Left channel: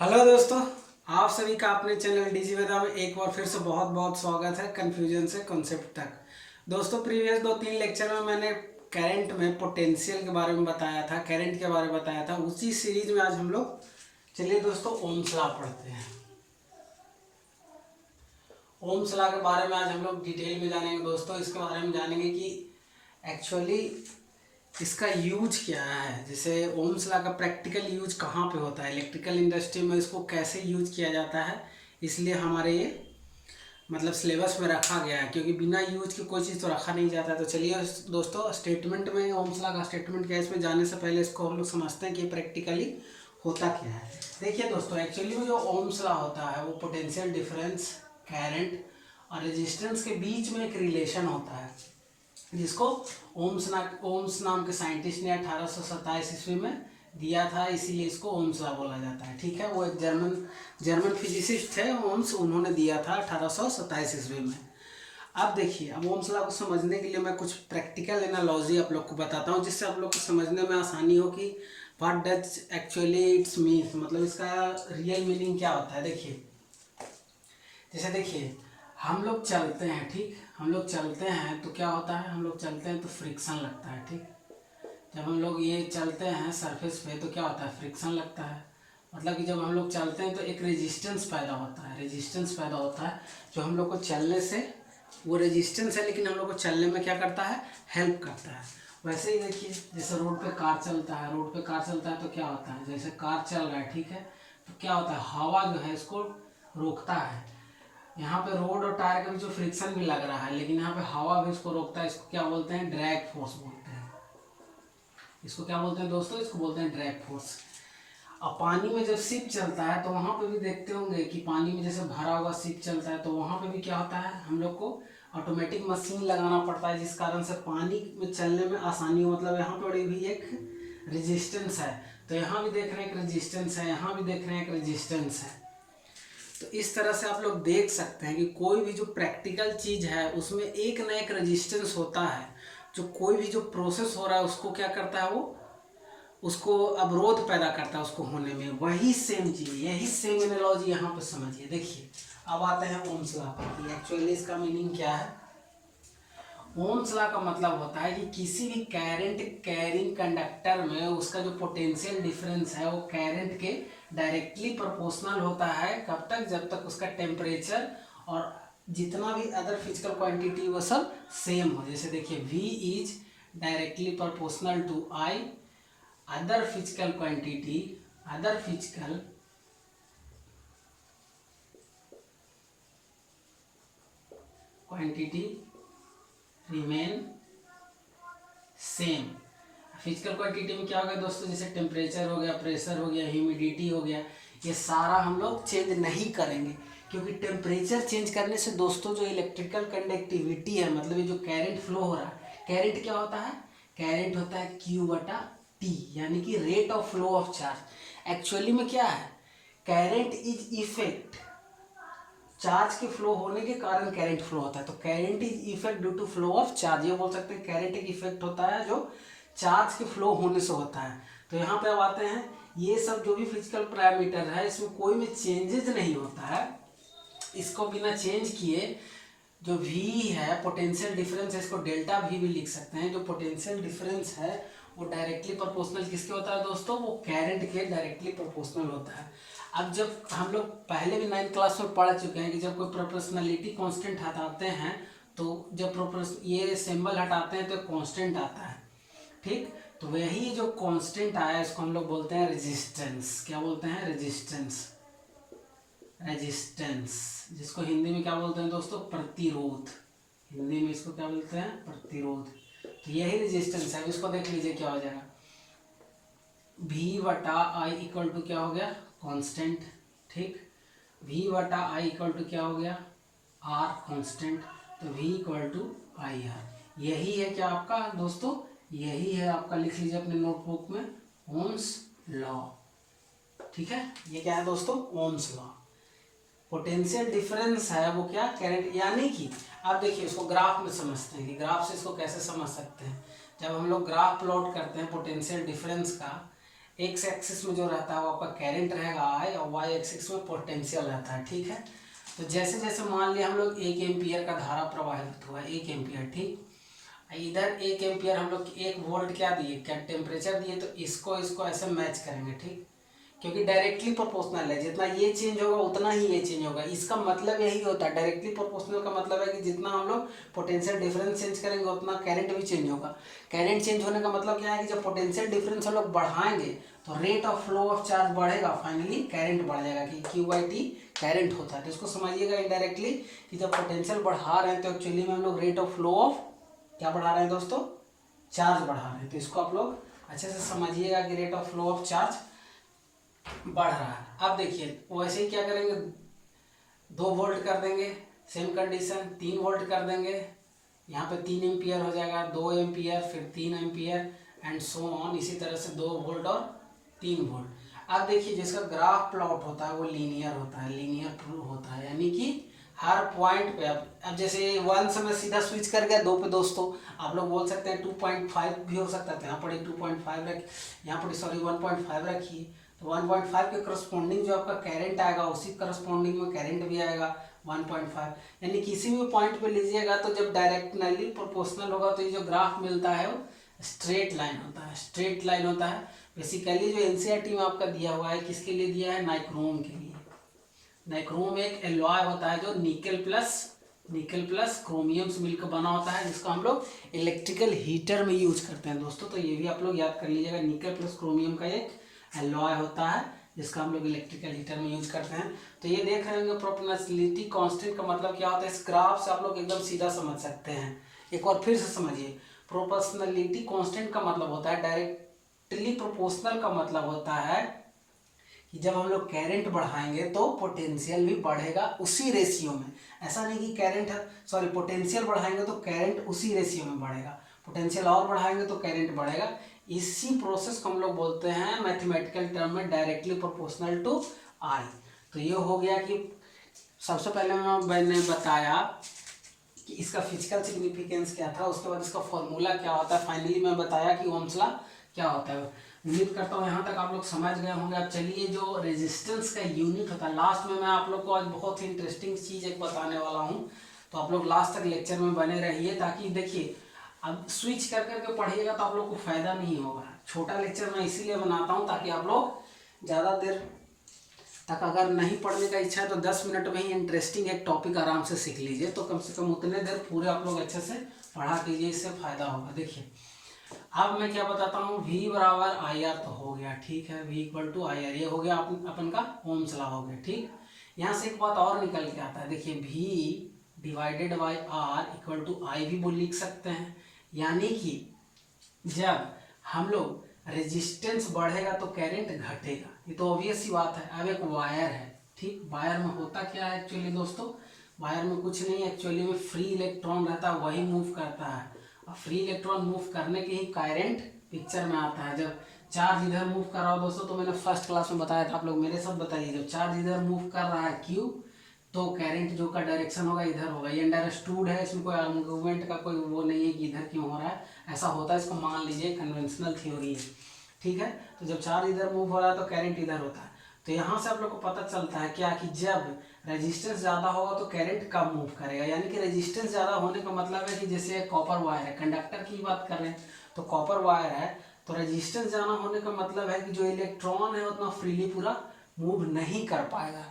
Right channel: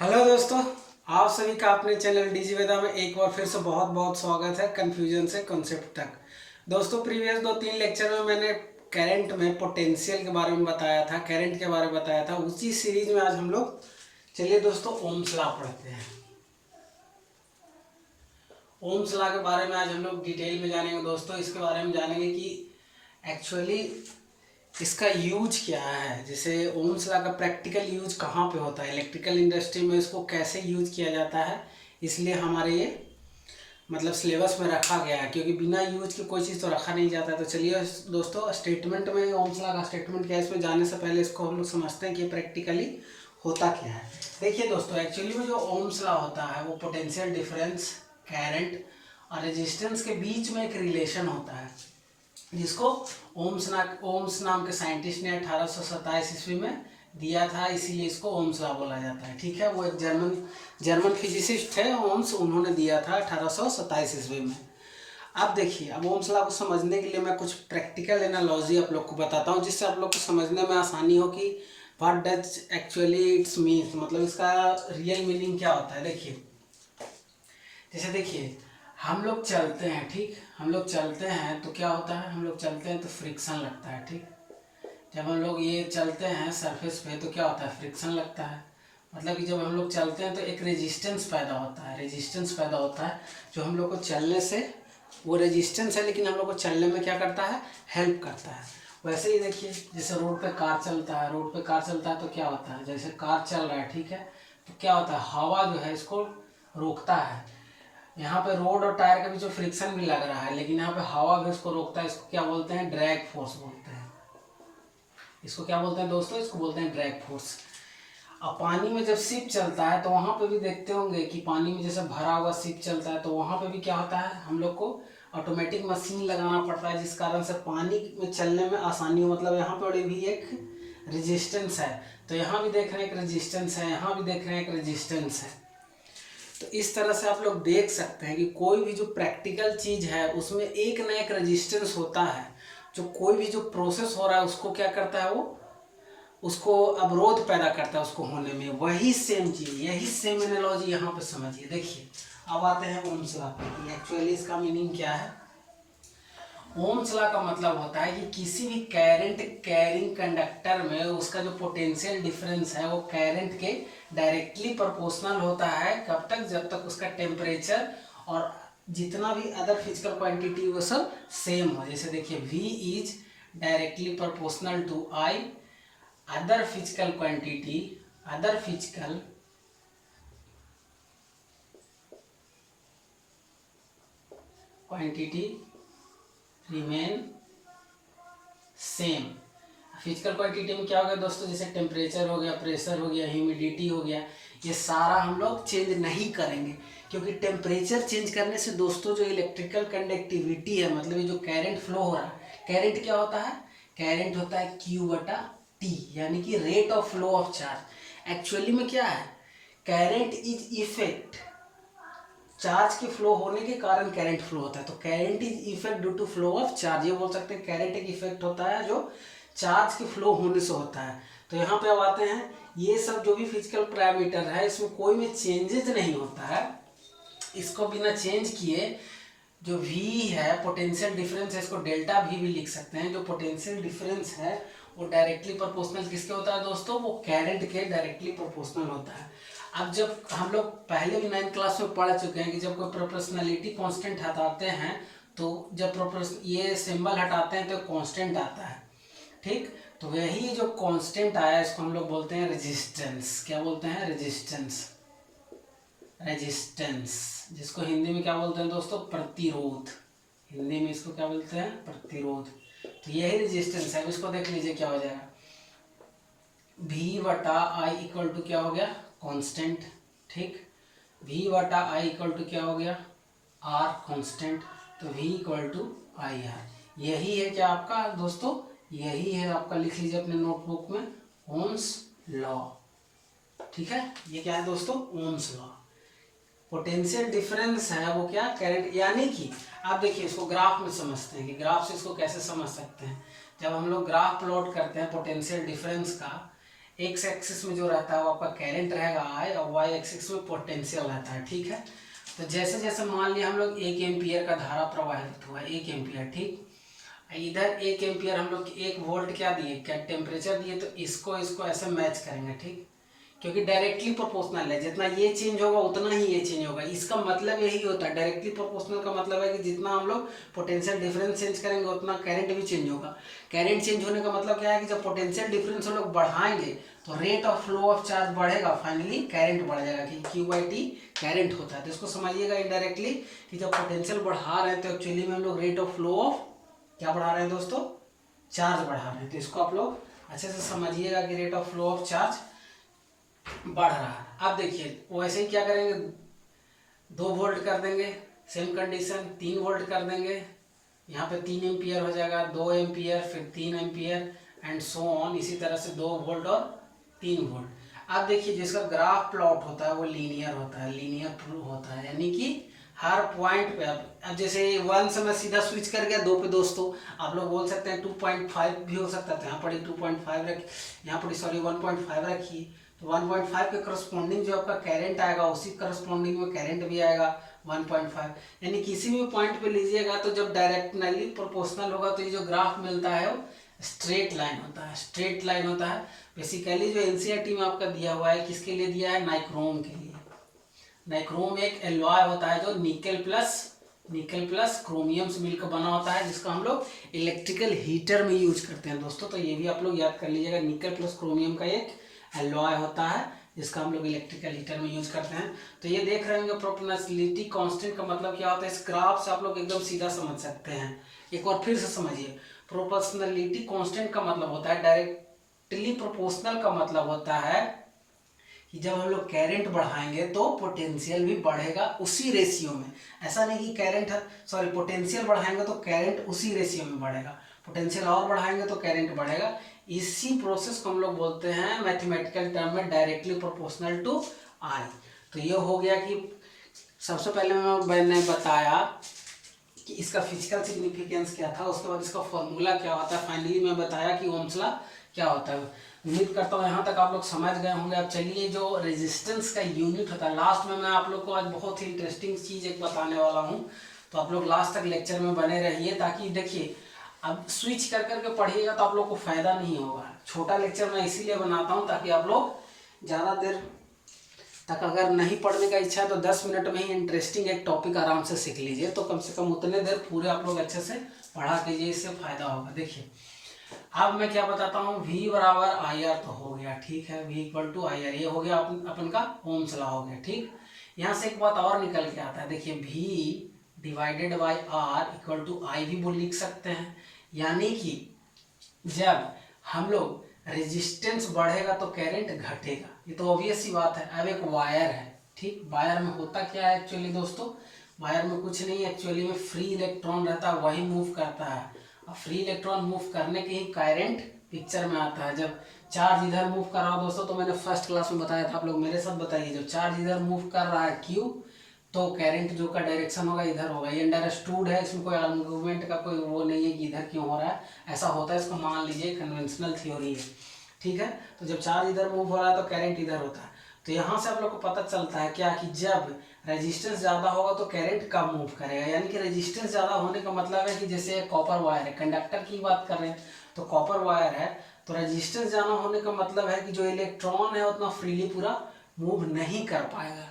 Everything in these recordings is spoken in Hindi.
हेलो दोस्तों, आप सभी का अपने चैनल डीजी वेदा में एक बार फिर से बहुत बहुत स्वागत है। कन्फ्यूजन से कॉन्सेप्ट तक। दोस्तों, प्रीवियस 2-3 लेक्चर में मैंने करंट में पोटेंशियल के बारे में बताया था, करंट के बारे में बताया था। उसी सीरीज में आज हम लोग चलिए दोस्तों ओम्स लॉ पढ़ते हैं। ओम्स लॉ के बारे में आज हम लोग डिटेल में जानेंगे दोस्तों। इसके बारे में जानेंगे कि एक्चुअली इसका यूज क्या है। जैसे ओम्स लॉ का प्रैक्टिकल यूज कहाँ पे होता है, इलेक्ट्रिकल इंडस्ट्री में इसको कैसे यूज किया जाता है। इसलिए हमारे ये मतलब सिलेबस में रखा गया है, क्योंकि बिना यूज के कोई चीज़ तो रखा नहीं जाता है। तो चलिए दोस्तों, स्टेटमेंट में ओम्स लॉ का स्टेटमेंट क्या है, इसमें जाने से पहले इसको हम लोग समझते हैं कि प्रैक्टिकली होता क्या है। देखिए दोस्तों, एक्चुअली में जो ओम्स लॉ होता है वो पोटेंशियल डिफरेंस, करंट और रेजिस्टेंस के बीच में एक रिलेशन होता है, जिसको ओम्स नाम के साइंटिस्ट ने 1827 ईस्वी में दिया था। इसीलिए इसको ओम्स लॉ बोला जाता है। ठीक है, वो एक जर्मन फिजिसिस्ट थे ओम्स, उन्होंने दिया था 1827 ईस्वी में। अब देखिए, अब ओम्स लॉ को समझने के लिए मैं कुछ प्रैक्टिकल एनालॉजी आप लोग को बताता हूँ, जिससे आप लोग को समझने में आसानी हो कि what does actually it's means, मतलब इसका रियल मीनिंग क्या होता है। देखिए, जैसे देखिए, हम लोग चलते हैं, ठीक, हम लोग चलते हैं तो क्या होता है, हम लोग चलते हैं तो फ्रिक्शन लगता है। ठीक, जब हम लोग ये चलते हैं सरफेस पे तो क्या होता है, फ्रिक्शन लगता है। मतलब कि जब हम लोग चलते हैं तो एक रेजिस्टेंस पैदा होता है, रेजिस्टेंस पैदा होता है जो हम लोग को चलने से, वो रेजिस्टेंस है लेकिन हम लोग को चलने में क्या करता है, हेल्प करता है। वैसे ही देखिए, जैसे रोड पे कार चलता है, रोड पे कार चलता है तो क्या होता है, जैसे कार चल रहा है, ठीक है, तो क्या होता है, हवा जो है इसको रोकता है। यहाँ पे रोड और टायर के बीच जो फ्रिक्शन भी लग रहा है, लेकिन यहाँ पे हवा भी उसको रोकता है। इसको क्या बोलते हैं, ड्रैग फोर्स बोलते हैं। इसको क्या बोलते हैं दोस्तों, इसको बोलते हैं ड्रैग फोर्स। अब पानी में जब शिप चलता है तो वहाँ पे भी देखते होंगे कि पानी में जैसे भरा हुआ शिप चलता है तो वहाँ पे भी क्या होता है, हम लोग को ऑटोमेटिक मशीन लगाना पड़ता है, जिस कारण से पानी में चलने में आसानी हो। मतलब यहाँ पे भी एक रेजिस्टेंस है, तो यहाँ भी देख रहे हैं एक रेजिस्टेंस है, यहाँ भी देख रहे हैं एक रेजिस्टेंस है। तो इस तरह से आप लोग देख सकते हैं कि कोई भी जो प्रैक्टिकल चीज़ है उसमें एक ना एक रेजिस्टेंस होता है, जो कोई भी जो प्रोसेस हो रहा है उसको क्या करता है, वो उसको अवरोध पैदा करता है उसको होने में। वही सेम चीज़, यही सेम एनालॉजी यहाँ पे समझिए। देखिए, अब आते हैं ओम्स लॉ पर, एक्चुअली इसका मीनिंग क्या है। ओम्स लॉ का मतलब होता है कि किसी भी करंट कैरिंग कंडक्टर में उसका जो पोटेंशियल डिफरेंस है वो करंट के डायरेक्टली प्रोपोर्शनल होता है। कब तक, जब तक उसका टेम्परेचर और जितना भी अदर फिजिकल क्वांटिटी वो सब सेम हो। जैसे देखिए, V is directly proportional to I, other physical quantity, other physical quantity remain same. Physical quantity में क्या हो गया दोस्तों, जैसे टेम्परेचर हो गया, प्रेशर हो गया, ह्यूमिडिटी हो गया, ये सारा हम लोग चेंज नहीं करेंगे। क्योंकि टेम्परेचर चेंज करने से दोस्तों जो इलेक्ट्रिकल कंडक्टिविटी है, मतलब ये जो करंट फ्लो हो रहा है, करंट क्या होता है, करंट होता है Q/T, यानी कि rate of flow of charge. Actually में क्या है, करंट इज इफेक्ट, चार्ज के फ्लो होने के कारण करंट फ्लो होता है। तो current is effect due to flow of charge, ये बोल सकते हैं करंट एक इफेक्ट होता है जो चार्ज के फ्लो होने से होता है। तो यहाँ पे अब आते हैं, ये सब जो भी फिजिकल पैरामीटर है इसमें कोई में चेंजेस नहीं होता है। इसको बिना चेंज किए जो V है, पोटेंशियल डिफरेंस है, इसको डेल्टा V भी लिख सकते हैं। जो पोटेंशियल डिफरेंस है वो डायरेक्टली प्रोपोर्शनल किसके होता है दोस्तों, वो करंट के डायरेक्टली प्रोपोर्शनल होता है। अब जब हम लोग पहले भी 9th क्लास में पढ़ चुके हैं कि जब कोई प्रोपोर्शनलिटी कांस्टेंट हटाते हैं तो जब ये सिंबल हटाते हैं तो कांस्टेंट आता है। ठीक, तो वही जो कांस्टेंट आया इसको हम लोग बोलते हैं रेजिस्टेंस। क्या बोलते हैं, रेजिस्टेंस। रेजिस्टेंस, जिसको हिंदी में क्या बोलते हैं दोस्तों, प्रतिरोध। हिंदी में इसको क्या बोलते हैं, प्रतिरोध। तो यही रेजिस्टेंस है। इसको देख लीजिए क्या हो जाएगा, V/I इक्वल टू क्या हो गया, कांस्टेंट। ठीक, V/I इक्वल टू क्या हो गया, R कांस्टेंट। तो V इक्वल टू IR, यही है क्या आपका दोस्तों, यही है आपका, लिख लीजिए अपने नोटबुक में, ओम्स लॉ। ठीक है, ये क्या है दोस्तों, ओम्स लॉ। पोटेंशियल डिफरेंस है वो क्या, करंट, यानी कि आप देखिए इसको ग्राफ में समझते हैं कि ग्राफ से इसको कैसे समझ सकते हैं। जब हम लोग ग्राफ प्लॉट करते हैं पोटेंशियल डिफरेंस का, एक्स एक्सिस में जो रहता है वो आपका करंट रहेगा आई, और वाई एक्सिस में पोटेंशियल रहता है, ठीक है। तो जैसे जैसे मान लिया हम लोग 1 एम्पियर का धारा प्रवाहित हुआ, 1 एम्पियर, ठीक। इधर 1 एम्पियर हम लोग 1 वोल्ट क्या दिए, क्या टेम्परेचर दिए, तो इसको इसको ऐसे मैच करेंगे, ठीक, क्योंकि डायरेक्टली प्रोपोर्शनल है, जितना ये चेंज होगा उतना ही ये चेंज होगा। इसका मतलब यही होता है, डायरेक्टली प्रोपोर्शनल का मतलब है कि जितना हम लोग पोटेंशियल डिफरेंस चेंज करेंगे उतना करंट भी चेंज होगा। करंट चेंज होने का मतलब क्या है कि जब पोटेंशियल डिफरेंस हम लोग बढ़ाएंगे तो rate of flow of charge बढ़ेगा, फाइनली करंट बढ़ जाएगा, कि Q/T करंट होता है। तो इसको समझिएगा इनडायरेक्टली कि जब पोटेंशियल बढ़ा रहे हैं तो एक्चुअली में हम लोग रेट ऑफ फ्लो ऑफ क्या बढ़ा रहे हैं दोस्तों, चार्ज बढ़ा रहे हैं। तो इसको आप लोग अच्छे से समझिएगा कि rate of flow of charge बढ़ रहा है। अब देखिए वैसे ही क्या करेंगे, 2 वोल्ट कर देंगे, सेम कंडीशन 3 वोल्ट कर देंगे, यहाँ पे 3 एम्पियर हो जाएगा, 2 एम्पियर, फिर 3 एम्पियर एंड सो ऑन, इसी तरह से 2 वोल्ट और 3 वोल्ट। अब देखिए जिसका ग्राफ प्लॉट होता है वो लीनियर होता है, लीनियर होता है, यानी कि हर पॉइंट पे। अब जैसे 1 से मैं सीधा स्विच कर गया 2 पे दोस्तों, आप लोग बोल सकते हैं 2.5 भी हो सकता है, तो यहाँ पर 2.5 रख, यहाँ पर सॉरी 1.5 रखिए, तो 1.5 के करस्पॉन्डिंग जो आपका करंट आएगा उसी करस्पॉन्डिंग में करंट भी आएगा 1.5, यानी किसी भी पॉइंट पे लीजिएगा तो जब डायरेक्टली प्रोपोर्शनल होगा तो ये जो ग्राफ मिलता है वो स्ट्रेट लाइन होता है, स्ट्रेट लाइन होता है। बेसिकली जो एनसीईआरटी में आपका दिया हुआ है किसके लिए दिया है, नाइक्रोम के लिए। नाइक्रोम एक एलॉय होता है जो निकल प्लस क्रोमियम से मिलकर बना होता है, जिसको हम लोग इलेक्ट्रिकल हीटर में यूज करते हैं दोस्तों। तो ये भी आप लोग याद कर लीजिएगा, निकल प्लस क्रोमियम का एक एलॉय होता है जिसका हम लोग इलेक्ट्रिकल हीटर में यूज करते हैं। तो ये देख रहे होंगे प्रोपोर्शनलिटी कांस्टेंट का मतलब क्या होता है, इस ग्राफ से आप लोग एकदम सीधा समझ सकते हैं। एक बार फिर से समझिए, प्रोपोर्शनलिटी कांस्टेंट का मतलब होता है, डायरेक्टली प्रोपोर्शनल का मतलब होता है कि जब हम लोग करंट बढ़ाएंगे तो पोटेंशियल भी बढ़ेगा उसी रेशियो में। ऐसा नहीं कि करंट सॉरी पोटेंशियल बढ़ाएंगे तो करंट उसी रेशियो में बढ़ेगा, पोटेंशियल और बढ़ाएंगे तो करंट बढ़ेगा। इसी प्रोसेस को हम लोग बोलते हैं मैथमेटिकल टर्म में डायरेक्टली प्रोपोर्शनल टू आई। तो ये हो गया कि सबसे पहले मैंने बताया कि इसका फिजिकल सिग्निफिकेंस क्या था, उसके बाद इसका फॉर्मूला क्या होता है, फाइनली मैं बताया कि ओम्स लॉ क्या होता है। उम्मीद करता हूँ यहाँ तक आप लोग समझ गए होंगे। अब चलिए जो रेजिस्टेंस का यूनिट होता है, लास्ट में मैं आप लोग को आज बहुत ही इंटरेस्टिंग चीज़ एक बताने वाला हूँ, तो आप लोग लास्ट तक लेक्चर में बने रहिए, ताकि देखिए अब स्विच कर करके पढ़िएगा तो आप लोग को फ़ायदा नहीं होगा। छोटा लेक्चर मैं इसीलिए बनाता हूँ ताकि आप लोग ज़्यादा देर तक अगर नहीं पढ़ने का इच्छा है तो 10 मिनट में ही इंटरेस्टिंग एक टॉपिक आराम से सीख लीजिए, तो कम से कम उतने देर पूरे आप लोग अच्छे से पढ़ा कीजिए, इससे फ़ायदा होगा। देखिए अब मैं क्या बताता हूँ, V बराबर IR तो हो गया, ठीक है, V इक्वल टू IR, ये हो गया अपन का ओम्स लॉ हो गया, ठीक। यहाँ से एक बात और निकल के आता है, देखिए V divided by R equal to I भी बोल लिख सकते हैं, यानी कि जब हम लोग रेजिस्टेंस बढ़ेगा तो करंट घटेगा, ये तो ऑब्वियस सी बात है। अब एक वायर है, ठीक, वायर में होता क्या है एक्चुअली दोस्तों, वायर में कुछ नहीं, एक्चुअली में फ्री इलेक्ट्रॉन रहता है, वही मूव करता है। अब फ्री इलेक्ट्रॉन मूव करने के ही करंट पिक्चर में आता है। जब चार्ज इधर मूव कर रहा हो दोस्तों, तो मैंने फर्स्ट क्लास में बताया था, आप लोग मेरे साथ बताइए, जब चार्ज इधर मूव कर रहा है Q, तो करंट जो का डायरेक्शन होगा इधर होगा। ये अंडरस्टूड है, इसमें कोई आर्गूमेंट का कोई वो नहीं है कि इधर क्यों हो रहा है, ऐसा होता है, इसको मान लीजिए कन्वेंशनल थ्योरी है, ठीक है। तो जब चार्ज इधर मूव हो रहा है तो करंट इधर होता है। तो यहाँ से आप लोग को पता चलता है क्या कि जब रेजिस्टेंस ज़्यादा होगा तो करंट कम मूव करेगा, यानी कि रेजिस्टेंस ज़्यादा होने का मतलब है कि जैसे कॉपर वायर है, कंडक्टर की बात कर रहे हैं तो कॉपर वायर है, तो रेजिस्टेंस ज़्यादा होने का मतलब है कि जो इलेक्ट्रॉन है उतना फ्रीली पूरा मूव नहीं कर पाएगा,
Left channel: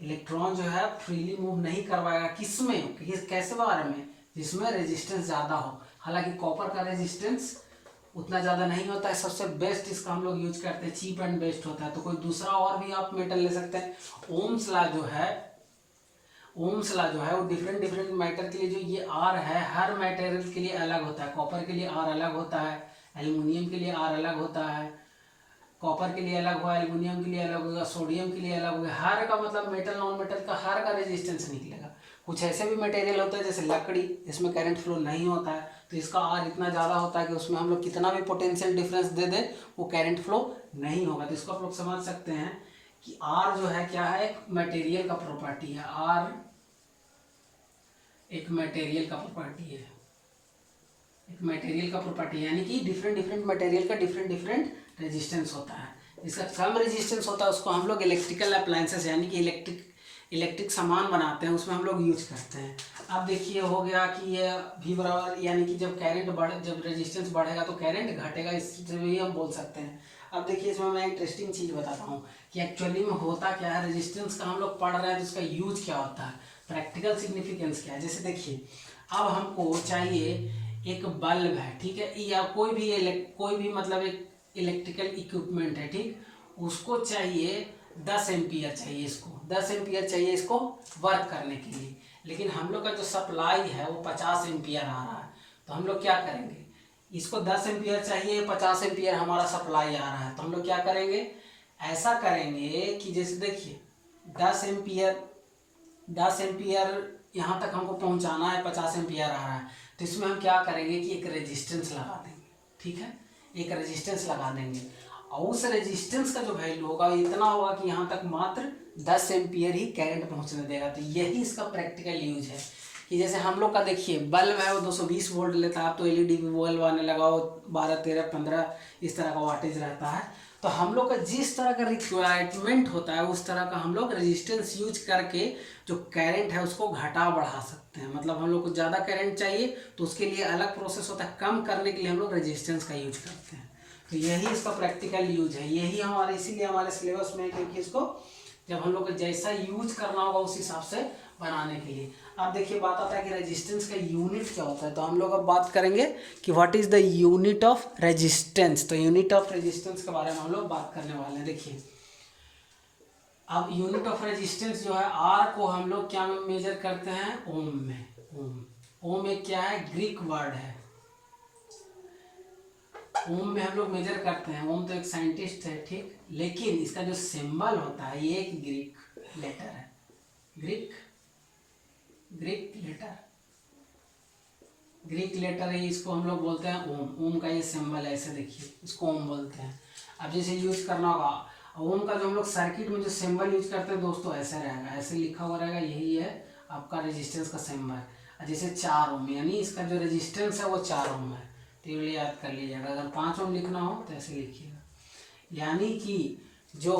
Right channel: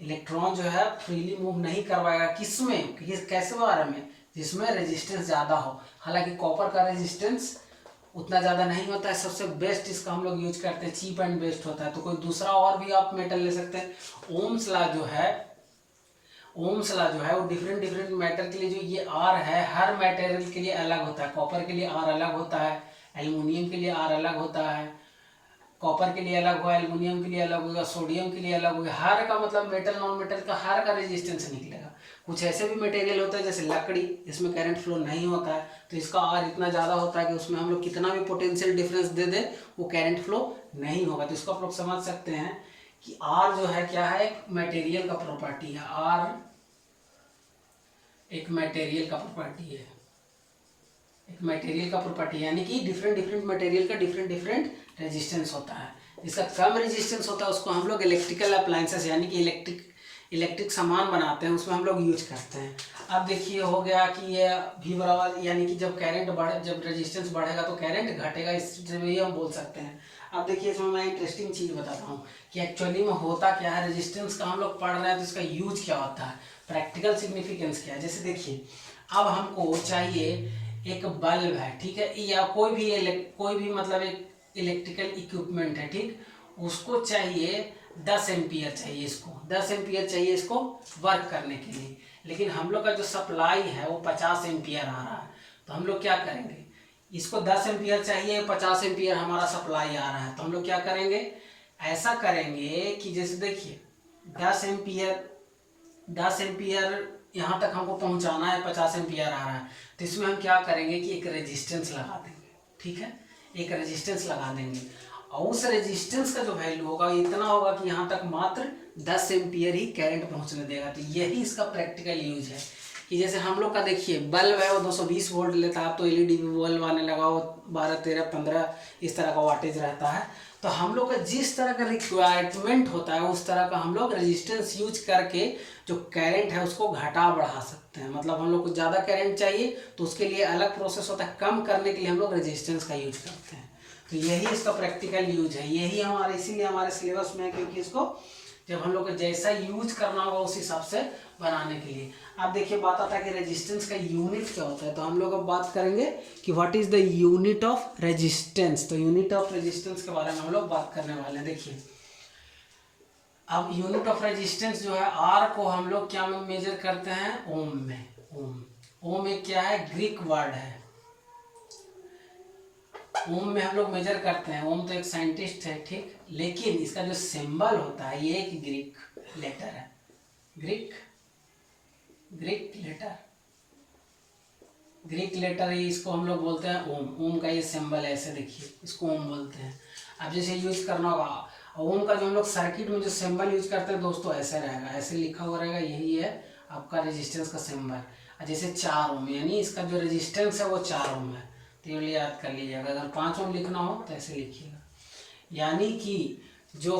इलेक्ट्रॉन जो है फ्रीली मूव नहीं करवाएगा। किसमें, कैसे वायर में, जिसमें रेजिस्टेंस ज़्यादा हो। हालांकि कॉपर का रेजिस्टेंस उतना ज़्यादा नहीं होता है, सबसे बेस्ट इसका हम लोग यूज करते हैं, चीप एंड बेस्ट होता है। तो कोई दूसरा और भी आप मेटल ले सकते हैं। ओम्स लॉ जो है, ओम्स लॉ जो है वो डिफरेंट डिफरेंट मैटर के लिए जो ये आर है, हर मटेरियल के लिए अलग होता है। कॉपर के लिए आर अलग होता है, एल्युमिनियम के लिए आर अलग होता है, कॉपर के लिए अलग हुआ, एल्युमिनियम के लिए अलग होगा, सोडियम के लिए अलग होगा। हर का मतलब मेटल नॉन मेटल का हर का रेजिस्टेंस निकलेगा। कुछ ऐसे भी मटेरियल होता है जैसे लकड़ी, जिसमें करंट फ्लो नहीं होता है, तो इसका आर इतना ज़्यादा होता है कि उसमें हम लोग कितना भी पोटेंशियल डिफरेंस दे दे वो करंट फ्लो नहीं होगा। तो इसको आप लोग समझ सकते हैं कि आर जो है क्या है, एक मटेरियल का प्रॉपर्टी है। आर एक मटेरियल का प्रॉपर्टी है, एक मटेरियल का प्रॉपर्टी, यानी कि डिफरेंट डिफरेंट मटेरियल का डिफरेंट डिफरेंट रेजिस्टेंस होता है। जिसका कम रेजिस्टेंस होता है उसको हम लोग इलेक्ट्रिकल अप्लायंसेस यानी कि इलेक्ट्रिक सामान बनाते हैं उसमें हम लोग यूज करते हैं। अब देखिए हो गया कि ये V बराबर यानी कि जब करंट बढ़े, जब रेजिस्टेंस बढ़ेगा तो करंट घटेगा, इससे भी हम बोल सकते हैं। अब देखिए इसमें मैं इंटरेस्टिंग चीज़ बताता हूँ कि एक्चुअली में होता क्या है। रेजिस्टेंस का हम लोग पढ़ रहे हैं तो इसका यूज क्या होता है, प्रैक्टिकल सिग्निफिकेंस क्या है। जैसे देखिए अब हमको चाहिए एक बल्ब है, ठीक है, या कोई भी मतलब एक इलेक्ट्रिकल इक्विपमेंट है, ठीक, उसको चाहिए 10 एम्पियर चाहिए, इसको 10 एम्पियर चाहिए इसको वर्क करने के लिए। लेकिन हम लोग का जो सप्लाई है वो 50 एम्पियर आ रहा है, तो हम लोग क्या करेंगे, इसको 10 एम्पियर चाहिए, 50 एम्पियर हमारा सप्लाई आ रहा है, तो हम लोग क्या करेंगे, ऐसा करेंगे कि जैसे देखिए 10 एम्पियर यहाँ तक हमको पहुँचाना है, 50 एम्पियर आ रहा है, तो इसमें हम क्या करेंगे कि एक रेजिस्टेंस लगा देंगे, ठीक है, एक रेजिस्टेंस लगा देंगे और उस रेजिस्टेंस का जो वैल्यू होगा इतना होगा कि यहाँ तक मात्र 10 एम्पियर ही करंट पहुँचने देगा। तो यही इसका प्रैक्टिकल यूज है कि जैसे हम लोग का देखिए बल्ब है वो 220 वोल्ट लेता है, तो एलईडी बल्ब आने लगा वो 12, 13, 15 इस तरह का वाटेज रहता है। तो हम लोग का जिस तरह का रिक्वायरमेंट होता है उस तरह का हम लोग रेजिस्टेंस यूज करके जो करंट है उसको घटा बढ़ा सकते हैं। मतलब हम लोग को ज़्यादा करंट चाहिए तो उसके लिए अलग प्रोसेस होता है, कम करने के लिए हम लोग रेजिस्टेंस का यूज करते हैं। तो यही इसका प्रैक्टिकल यूज है, यही हमारे इसीलिए हमारे सिलेबस में है, क्योंकि इसको जब हम लोग को जैसा यूज करना होगा उस हिसाब से बनाने के लिए। अब देखिए बात आता है कि रेजिस्टेंस का यूनिट क्या होता है, तो हम लोग अब बात करेंगे कि what is the unit of resistance. तो यूनिट ऑफ रेजिस्टेंस के बारे में हम लोग बात करने वाले हैं। देखिए अब यूनिट ऑफ रेजिस्टेंस जो है आर को हम लोग क्या मेजर करते हैं, ओम में। ओम एक क्या है, ग्रीक वर्ड है, ओम में हम लोग मेजर करते हैं। ओम तो एक साइंटिस्ट है, ठीक, लेकिन इसका जो सिंबल होता है ये एक ग्रीक लेटर है, ग्रीक लेटर है, इसको हम लोग बोलते हैं ओम। ओम का ये सिंबल है, ऐसे देखिए इसको ओम बोलते हैं। अब जैसे यूज करना होगा ओम का जो हम लोग सर्किट में जो सिंबल यूज करते हैं दोस्तों ऐसे रहेगा, ऐसे लिखा हुआ रहेगा, यही है आपका रेजिस्टेंस का सिंबल। जैसे 4 ओम यानी इसका जो रेजिस्टेंस है वो 4 ओम है, तो ये याद कर लीजिएगा। अगर 5 ओम लिखना हो तो ऐसे लिखिएगा, यानी कि जो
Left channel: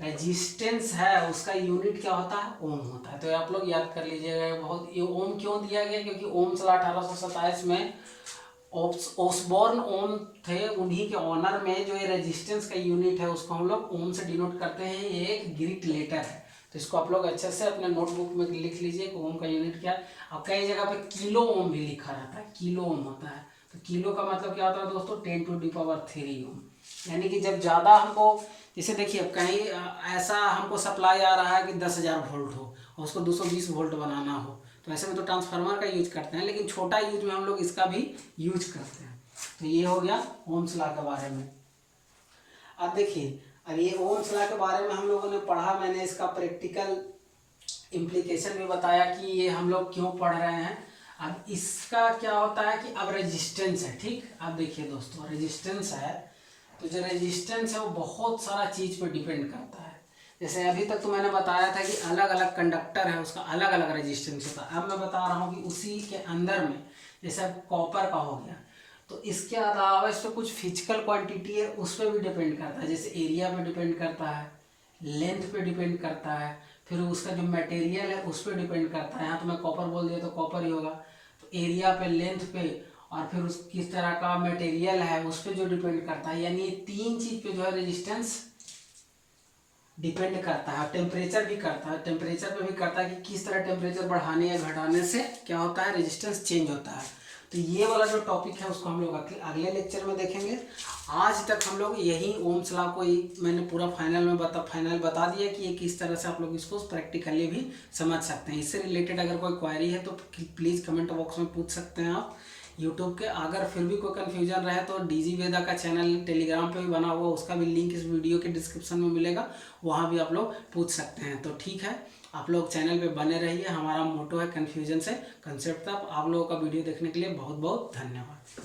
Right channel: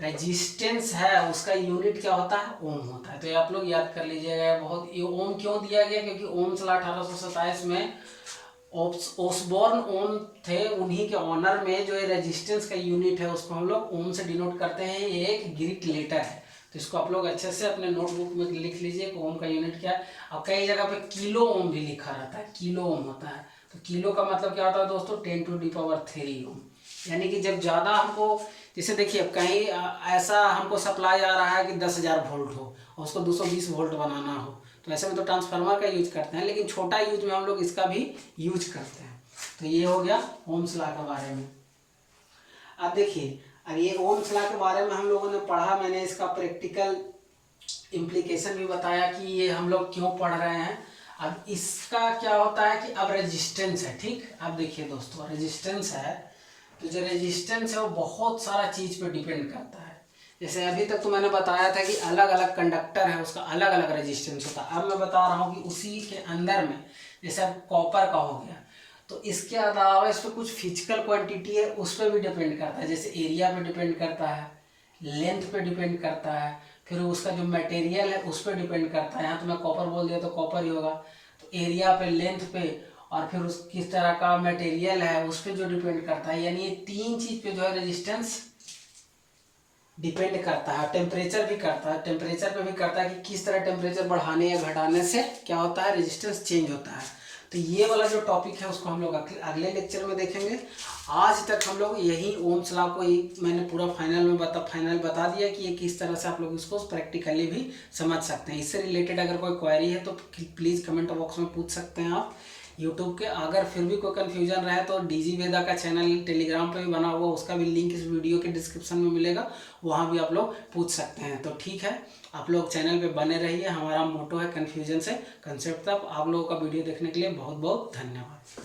रेजिस्टेंस है उसका यूनिट क्या होता है, ओम होता है। तो ये आप लोग याद कर लीजिएगा। बहुत ये ओम क्यों दिया गया, क्योंकि ओम साल 1827 में ओसबॉर्न ओम थे, उन्हीं के ऑनर में जो ये रेजिस्टेंस का यूनिट है उसको हम लोग ओम से डिनोट करते हैं। ये एक ग्रीक लेटर है, तो इसको आप लोग अच्छे से अपने नोटबुक में लिख लीजिए कि ओम का यूनिट क्या है। अब कई जगह पे किलो ओम भी लिखा रहता है, किलो ओम होता है। तो किलो का मतलब क्या होता है दोस्तों, 10⁻³ ओम, यानी कि जब ज़्यादा हमको, जैसे देखिए अब कहीं ऐसा हमको सप्लाई आ रहा है कि 10,000 वोल्ट हो और उसको 220 वोल्ट बनाना हो, तो ऐसे में तो ट्रांसफार्मर का यूज करते हैं, लेकिन छोटा यूज में हम लोग इसका भी यूज करते हैं। तो ये हो गया ओम्स लॉ के बारे में। अब देखिए अब ये ओम्स लॉ के बारे में हम लोगों ने पढ़ा, मैंने इसका प्रैक्टिकल इम्प्लीकेशन भी बताया कि ये हम लोग क्यों पढ़ रहे हैं। अब इसका क्या होता है कि अब रेजिस्टेंस है, ठीक। अब देखिए दोस्तों रेजिस्टेंस है, तो जो रेजिस्टेंस है वो बहुत सारा चीज़ पर डिपेंड करता है। जैसे अभी तक तो मैंने बताया था कि अलग अलग कंडक्टर है उसका अलग अलग रेजिस्टेंस होता है। अब मैं बता रहा हूँ कि उसी के अंदर में जैसे अब कॉपर का हो गया, तो इसके अलावा इस पर कुछ फिजिकल क्वांटिटी है उस पर भी डिपेंड करता है। जैसे एरिया पे डिपेंड करता है, लेंथ पे डिपेंड करता है, फिर उसका जो मटेरियल है उस पर डिपेंड करता है। यहाँ तो मैं कॉपर बोल दिया तो कॉपर ही होगा, तो एरिया पे, लेंथ पे और फिर उस किस तरह का मटेरियल है उस पर जो डिपेंड करता है। यानी 3 चीज़ पे जो है रेजिस्टेंस डिपेंड करता है। टेम्परेचर भी करता है, टेम्परेचर पे भी करता है कि किस तरह टेम्परेचर बढ़ाने या घटाने से क्या होता है, रेजिस्टेंस चेंज होता है। तो ये वाला जो टॉपिक है उसको हम लोग अगले लेक्चर में देखेंगे। आज तक हम लोग यही ओम्स लॉ को मैंने पूरा फाइनल बता दिया कि ये किस तरह से आप लोग इसको प्रैक्टिकली भी समझ सकते हैं। इससे रिलेटेड अगर कोई क्वेरी है तो प्लीज़ कमेंट बॉक्स में पूछ सकते हैं आप यूट्यूब के। अगर फिर भी कोई कन्फ्यूजन रहे तो डीजी वेदा का चैनल टेलीग्राम पे भी बना हुआ, उसका भी लिंक इस वीडियो के डिस्क्रिप्शन में मिलेगा, वहाँ भी आप लोग पूछ सकते हैं। तो ठीक है, आप लोग चैनल पे बने रहिए। हमारा मोटो है कन्फ्यूजन से कंसेप्ट तक। आप लोगों का वीडियो देखने के लिए बहुत बहुत धन्यवाद।